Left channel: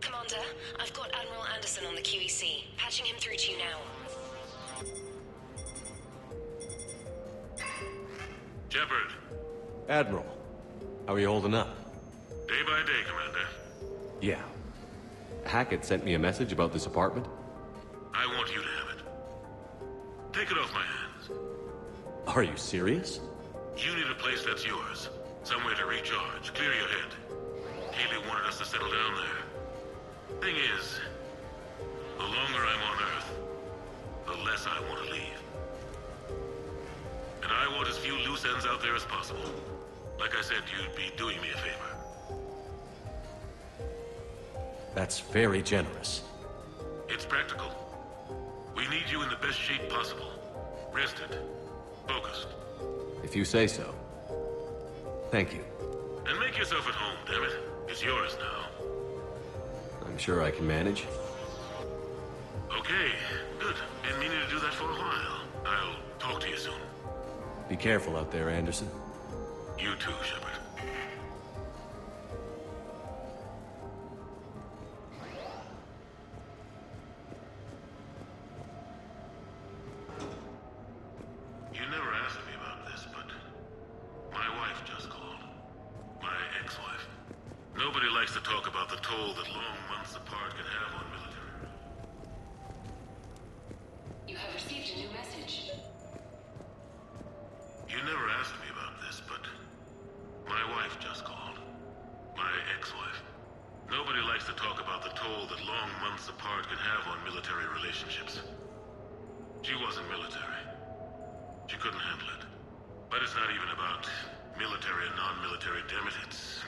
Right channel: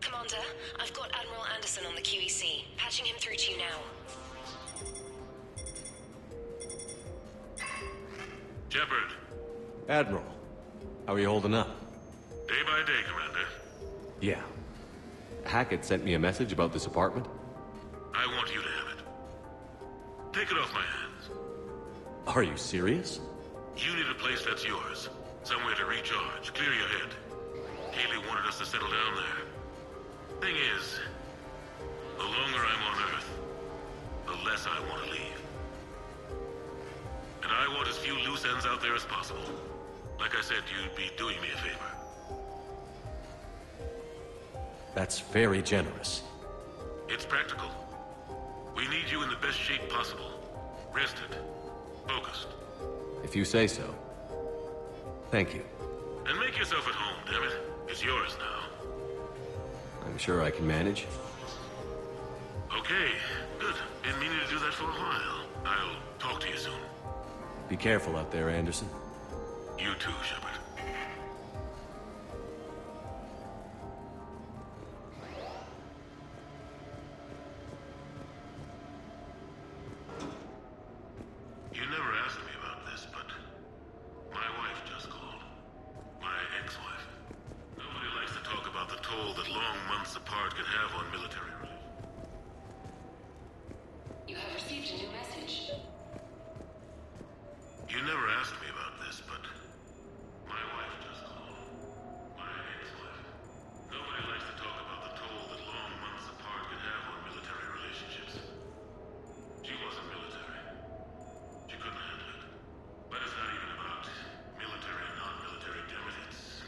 Commander, I've got Admiral Anderson on the QEC. Patching him through to you now. Shepard. Admiral, how are you holding up? Day by day, Commander. Yeah. Hackett sent me a message about this apartment. I want you to have it. Take it off my hands. Are you serious? You need a place that's yours. Somewhere to recharge, clear your head. Haley wanted us to settle down there. Thing is, the longer I'm on Earth, the less I want to leave. And I want as few loose ends out there as possible. Like I said, you'd be doing me a favor. That's very generous. It's practical. We need you in the best shape possible. Rested. Focused. If you say so. Thank you. And make yourself at home, damn it. It's yours now. I'm sure I can manage. Okay, good. Been meaning to do that for a while. I'll talk to you soon. Be careful out there, Anderson. You too, Shepard. You never asked me about this, but my wife just called. My ex-wife. Nobody likes to talk about the toll the long months apart can have on military relations. You have received a new message. You never asked me about this, but my wife just called. My ex-wife. Nobody likes to talk about the toll that long months apart can have on military relationships. She wasn't military. She couldn't handle it. But it's not even about military and non-military, damn it, it's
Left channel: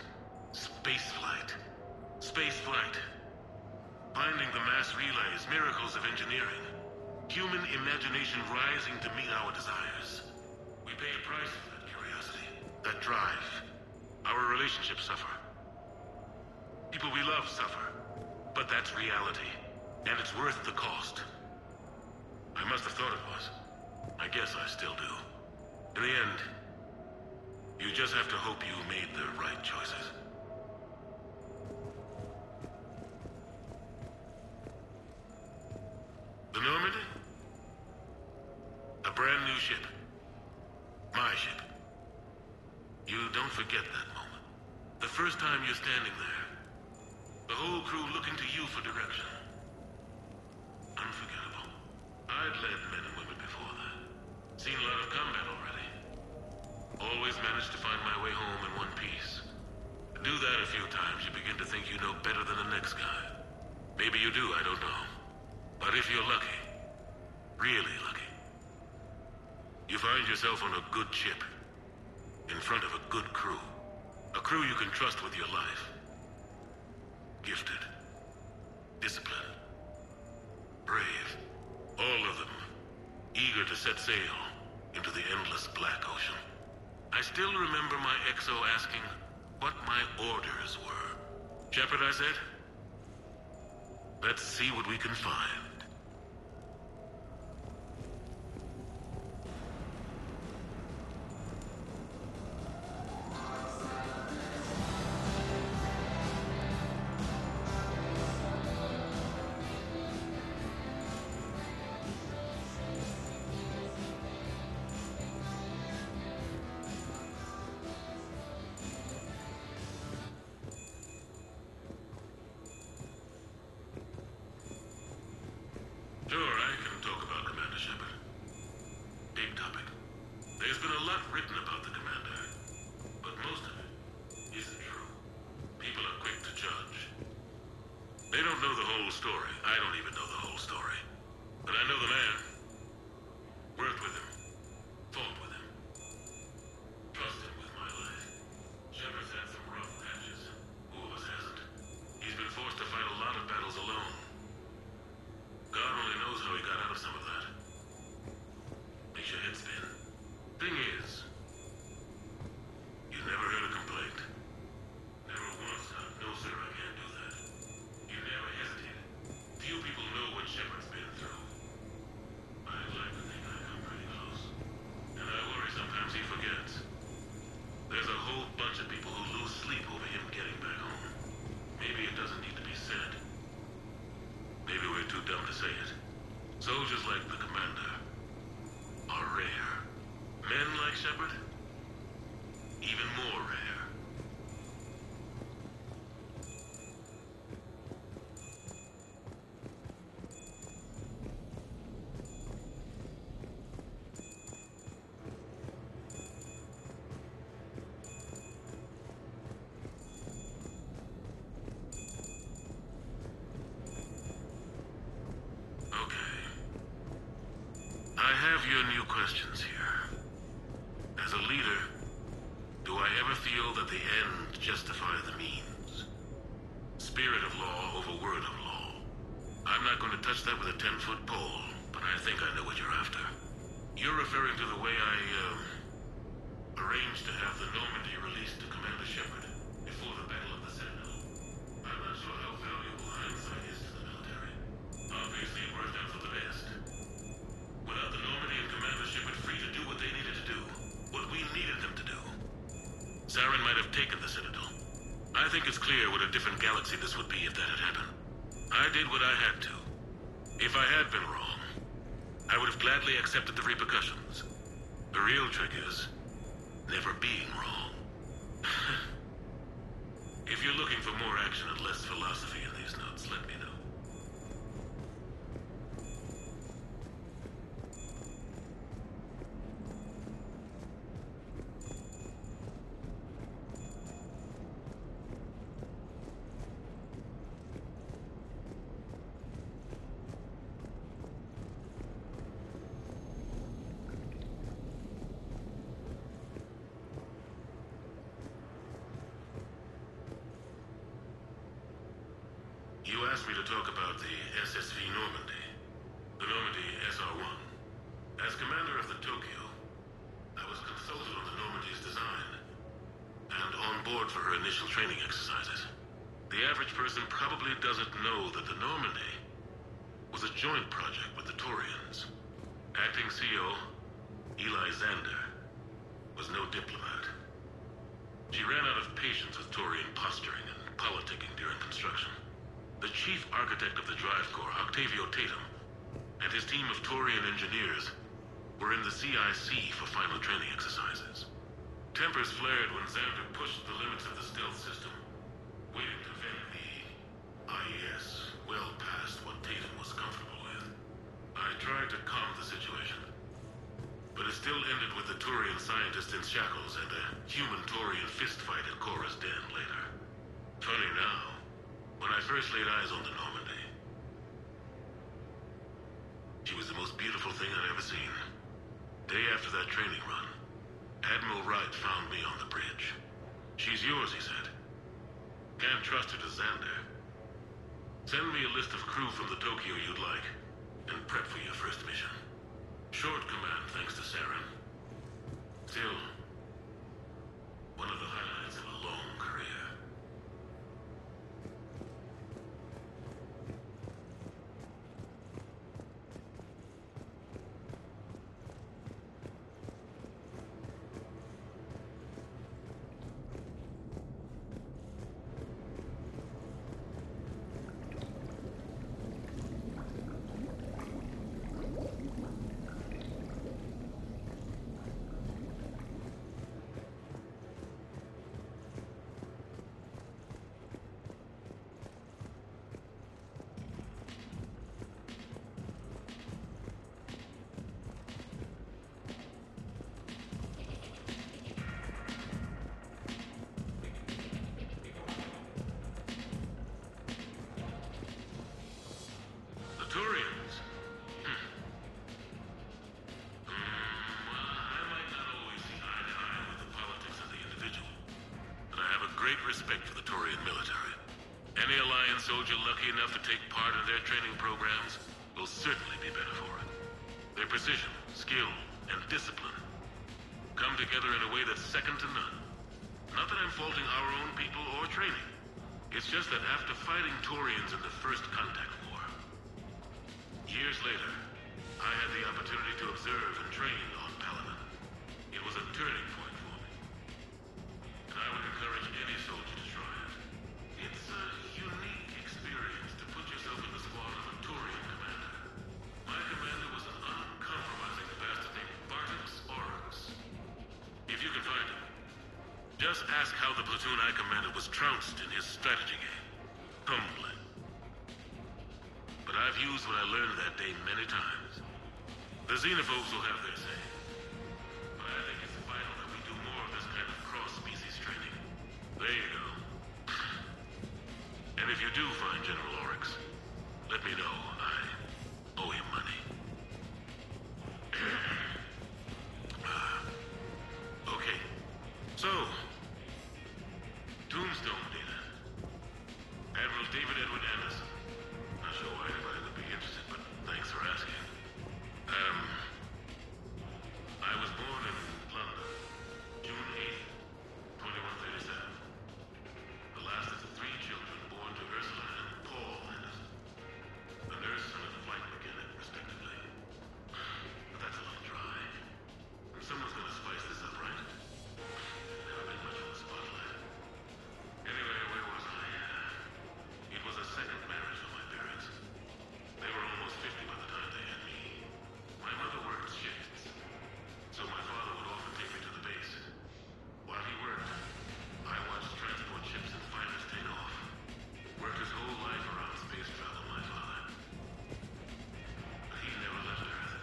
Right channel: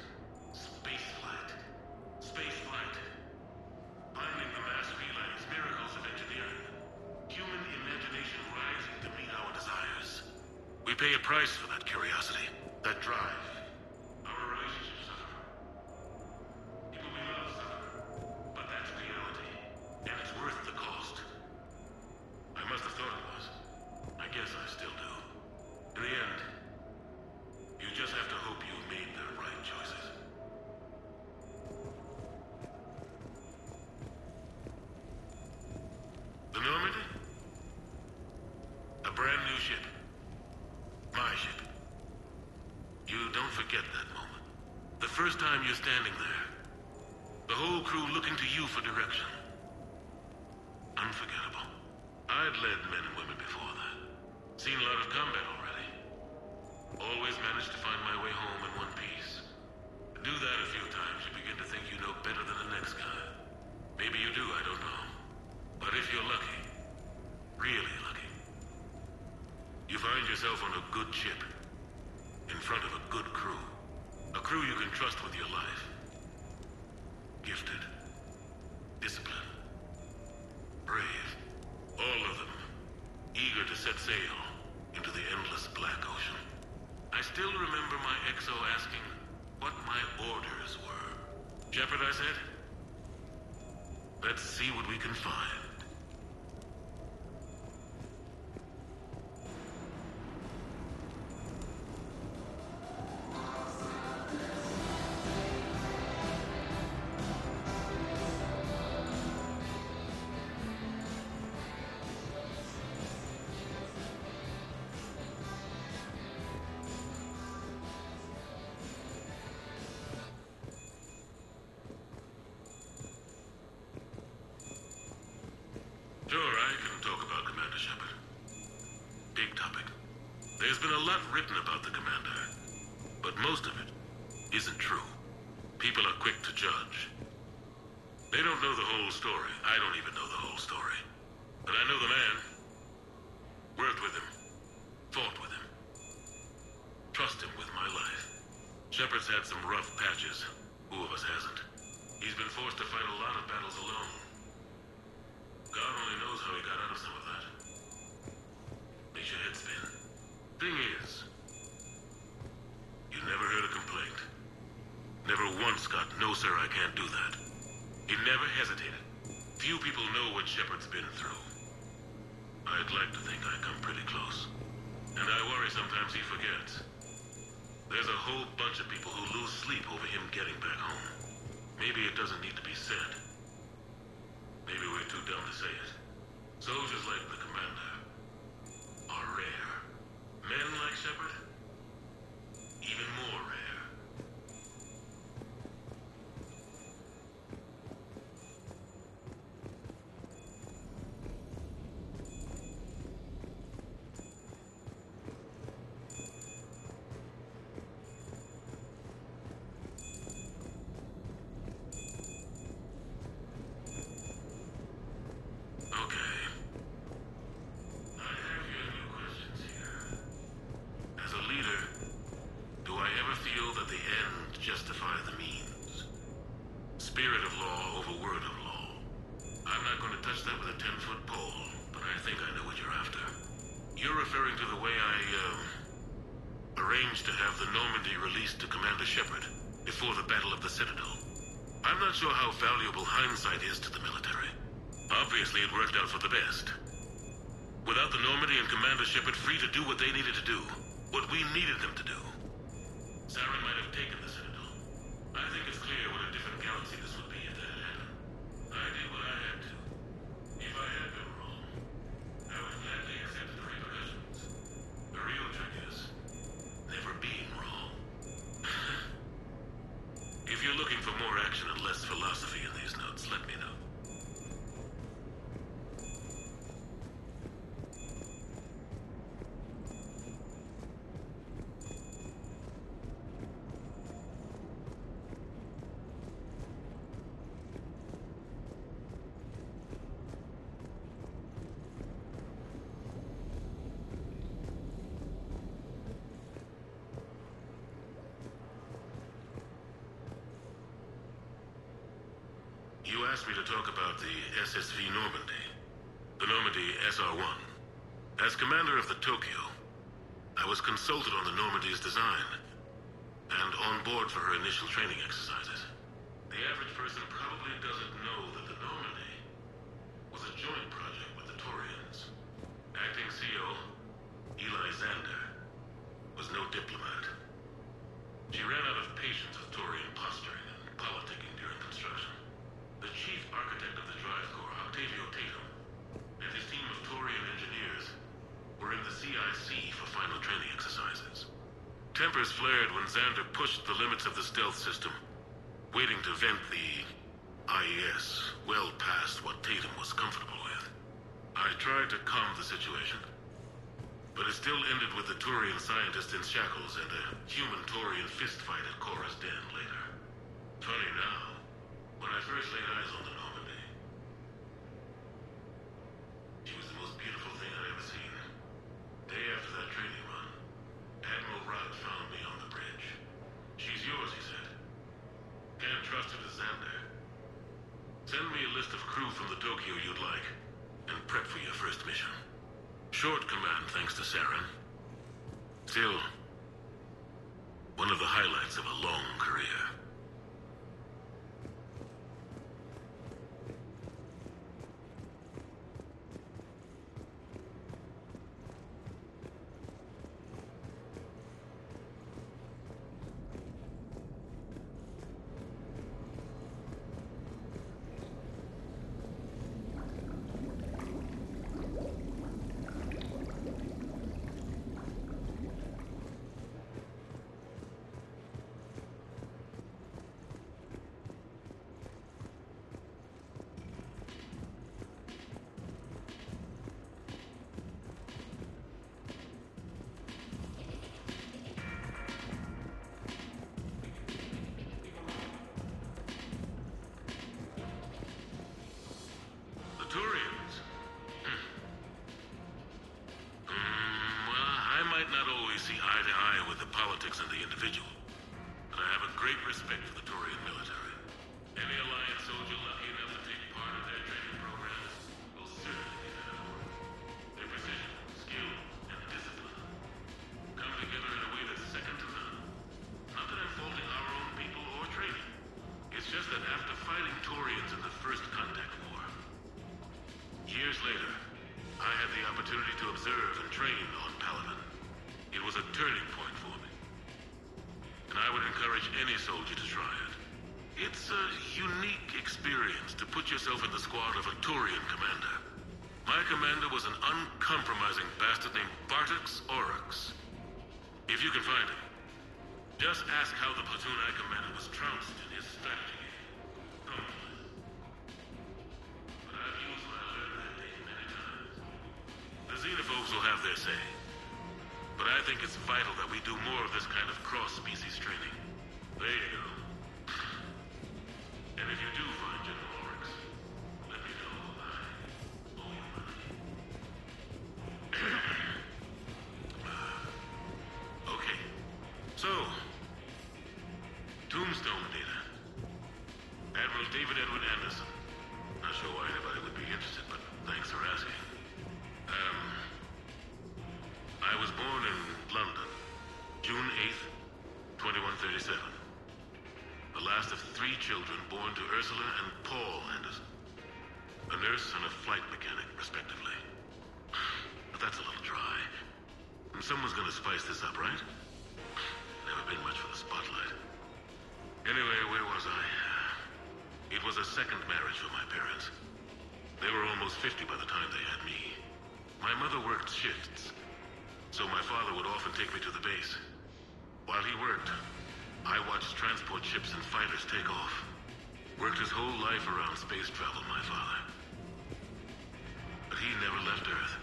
spaceflight. Spaceflight. Finding the mass relays, miracles of engineering. Human imagination rising to meet our desires. We pay a price for that curiosity, that drive. Our relationships suffer. People we love suffer. But that's reality. And it's worth the cost. I must have thought it was. I guess I still do. In the end, you just have to hope you made the right choices. The Normandy? A brand new ship. My ship. You don't forget that moment. The first time you're standing there. The whole crew looking to you for direction. Unforgettable. I'd led men and women before that. Seen a lot of combat already. Always managed to find my way home in one piece. Do that a few times, you begin to think you know better than the next guy. Maybe you do, I don't know. But if you're lucky, really lucky, you find yourself on a good ship, in front of a good crew. A crew you can trust with your life. Gifted. Disciplined. Brave. All of them. Eager to set sail into the endless black ocean. I still remember my XO asking what my orders were. Shepard, I said. Let's see what we can find. Sure, I can talk about Commander Shepard. Big topic. There's been a lot written about the Commander, but most of it isn't true. People are quick to judge. They don't know the whole story. I don't even know the whole story. But I know the man. Worked with him. Fought with him. Trust him with my life. Shepard's had some rough patches. Who of us hasn't? He's been forced to fight a lot of battles alone. God only knows how he got out of some of that. Makes your head spin. Thing is, you never heard a complaint. Never once got, "No, sir, I can't do that." He never hesitated. Few people know what Shepard's been through. I'd like to think I come pretty close. And I worry sometimes he forgets. There's a whole bunch of people who lose sleep over him getting back home. Maybe it doesn't need to be said. Maybe we're too dumb to say it. Soldiers like the commander are rare. Men like Shepard, even more rare. Okay. I have your new questions here. As a leader, do I ever feel that the end justify the means? Spirit of law over word of law. I'm not going to touch that with a 10-foot pole, but I think I know what you're after. You're referring to the way I, arranged to have the Normandy released to Commander Shepard before the Battle of the Citadel. I'm not sure how valuable hindsight is to the military. Obviously, it worked out for the best. Without the Normandy and Commander Shepard free to do what they needed to do, what we needed them to do, Saren might have taken the Citadel. I think it's clear what a different galaxy this would be if that had happened. I did what I had to. If I had been wrong, I would have gladly accepted the repercussions. The real trick is never being wrong. If you're looking for more action and less philosophy in these notes, let me know. You asked me to talk about the SSV Normandy, the Normandy SR-1. As commander of the Tokyo, I was consulted on the Normandy's design, and on board for her initial training exercises. The average person probably doesn't know that the Normandy was a joint project with the Taurians. Acting CO, Eli Xander, was no diplomat. She ran out of patience with Taurian posturing and politicking during construction. The chief architect of the Drive Corps, Octavio Tatum, and his team of Taurian engineers were in the CIC for final training exercises. Tempers flared when Xander pushed the limits of the stealth system, waiting to vent the IES well past what Tatum was comfortable with. I tried to calm the situation, but it still ended with the Taurian scientist in shackles and a human Taurian fistfight at Korra's den later. Funny now, when I first laid eyes on the Normandy, she was the most beautiful thing I'd ever seen. Day after that training run, Admiral Wright found me on the bridge. "She's yours," he said. "Can't trust her to Xander. Send me a list of crew from the Tokyo you'd like, and prep for your first mission." Short command thanks to Saren. Still, one of the highlights of a long career. Turians? Well, I might not always see eye to eye with the politics and the individual, but I have a great respect for the Turian military. Any Alliance soldier lucky enough to take part in their training programs will certainly be better for it. Their precision, skill, and discipline come together in a way that's second to none. Not that I'm faulting our own people or training. It's just that after fighting Taurians in the First Contact War, years later, I had the opportunity to observe and train on Paladin. It was a turning point for me. And I would encourage any soldier to try it. It's a unique experience to put yourself in the squad of a Taurian commander. My commander was an uncompromising bastard named Bartix Oryx. If you can find him, just ask how the platoon I commanded was trounced in his strategy game. Humbling. But I've used what I learned that day many times. The xenophobes will have their say. But I think it's vital that we do more of this kind of cross-species training. There you go. And if you do find General Oryx, let me know. I owe him money. Okay. So, Tombstone data. Admiral David Edward Anderson. Not sure why anybody would be interested, but thanks for asking. I was born in London, June 8th, 2137. The last of 3 children born to Ursula and Paul Anderson. A nurse and a flight mechanic, respectively. But that's a little dry. And someone's gonna spice this up, right? Never been much for the spotlight. Anyway, where was I? It was a second marriage for my parents. They were almost 50 by the time they had me. My mother worked shifts, so my father would often take me to the base. While he worked, I watched transport ships and fighters take off. Worked his whole life around space travel, my father. But he never left Earth.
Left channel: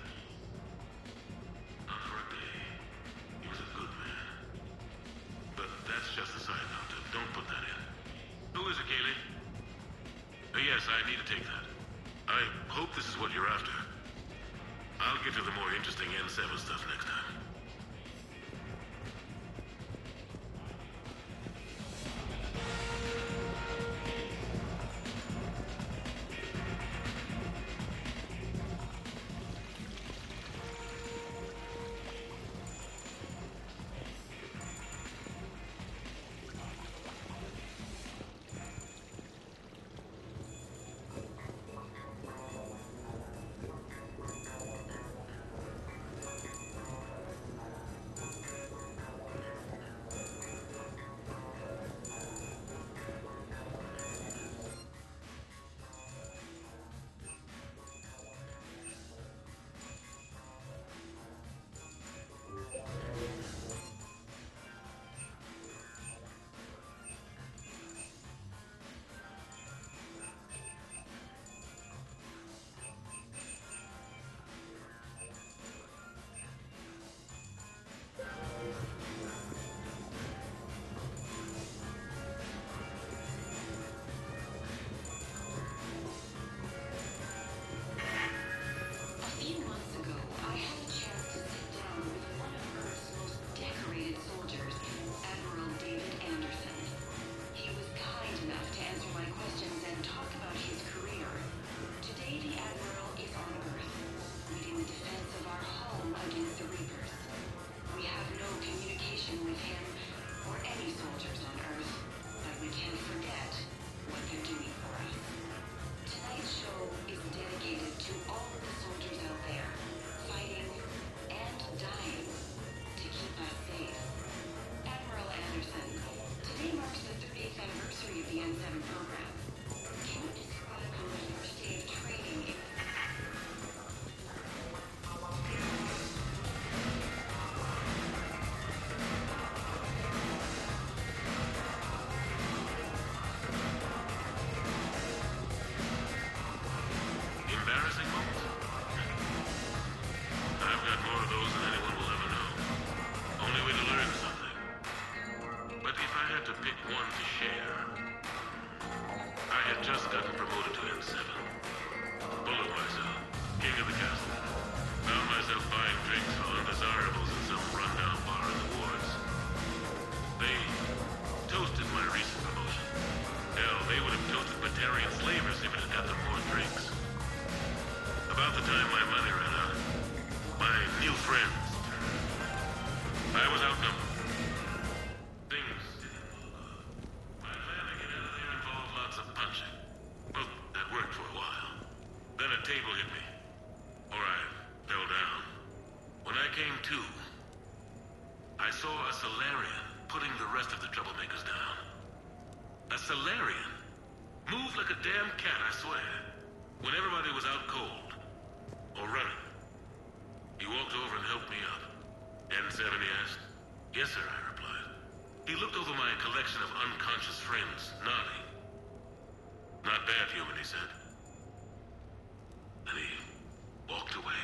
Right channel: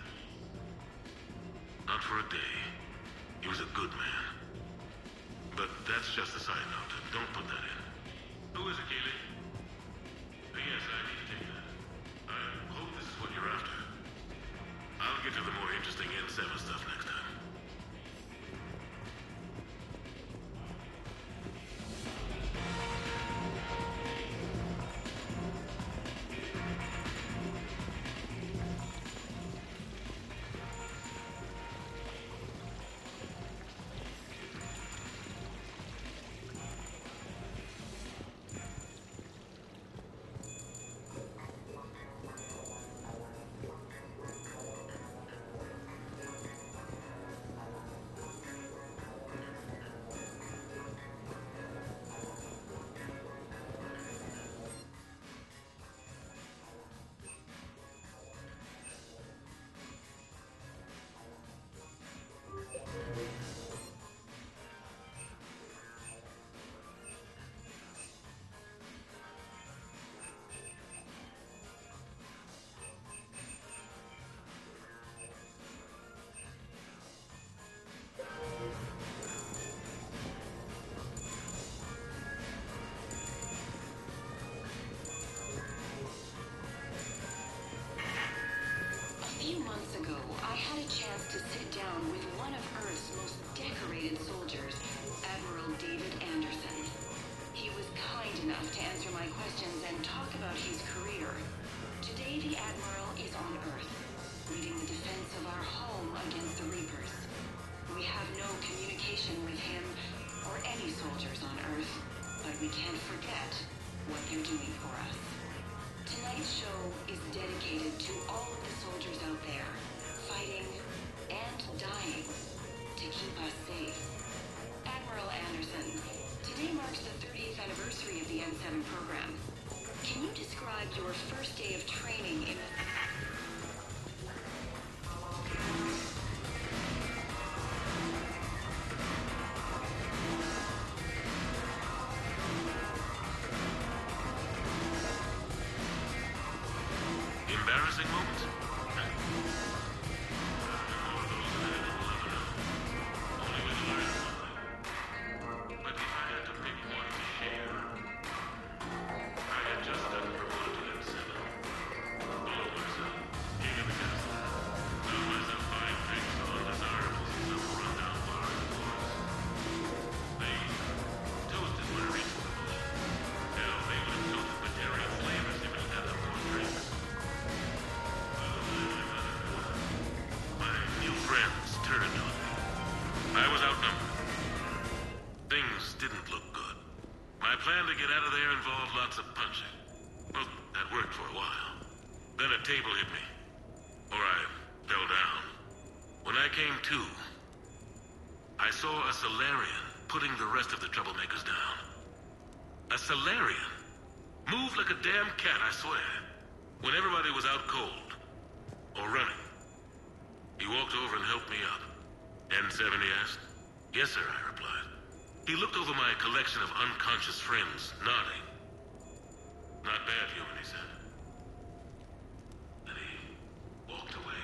Not for a day. He was a good man. But that's just a side note. Don't put that in. Who is it, Kaylee? Yes, I need to take that. I hope this is what you're after. I'll get to the more interesting N7 stuff next time. A few months ago, I had a chance to sit down with one of Earth's most decorated soldiers, Admiral David Anderson. He was kind enough to answer my questions and talk about his career. Today, the Admiral is on Earth, leading the defense of our home against the Reapers. We have no communication with him or any soldiers on Earth, but we can't forget what they're doing for us. Tonight's show is dedicated to all of the soldiers out there, fighting and dying to keep us safe. Admiral Anderson, today marks the 30th anniversary of the N7 program. Can you describe your first day of training? Embarrassing moments? I've got more of those than anyone will ever know. Only way to learn something. But if I had to pick one to share, I had just gotten promoted to N7. Full of myself, king of the castle. Found myself buying drinks for undesirables in some rundown bar in the wards. They toasted my recent promotion. Hell, they would have toasted Batarian slavers if it had got them more drinks. About the time my money ran out, my new My plan to get out of there involved lots of punching. Well, that worked for a while. Then a table hit me. Or I fell down. When I came to, I saw a Solarian putting the rest of the troublemakers down. A Solarian? Moved like a damn cat, I swear. When everybody was out cold. Or running. He walked over and helped me up. N7, he asked. Yes, sir, I replied. He looked over my collection of unconscious friends, nodding. Not bad, human, he said. And he walked away.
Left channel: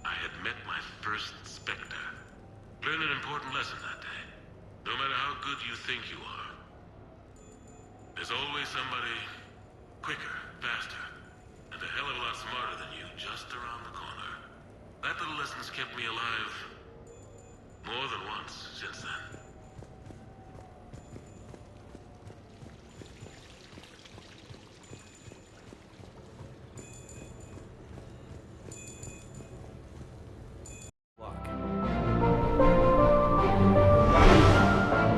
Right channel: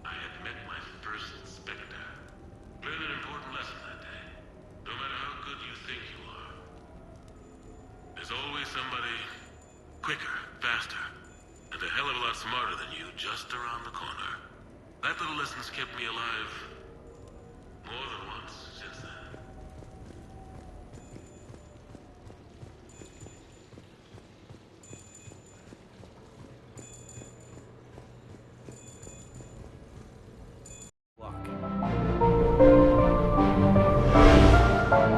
I had met my first Spectre. Learned an important lesson that day. No matter how good you think you are, there's always somebody quicker, faster, and a hell of a lot smarter than you just around the corner. That little lesson's kept me alive more than once since then.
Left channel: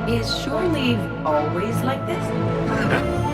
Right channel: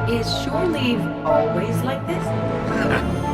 Is shore leave always like this?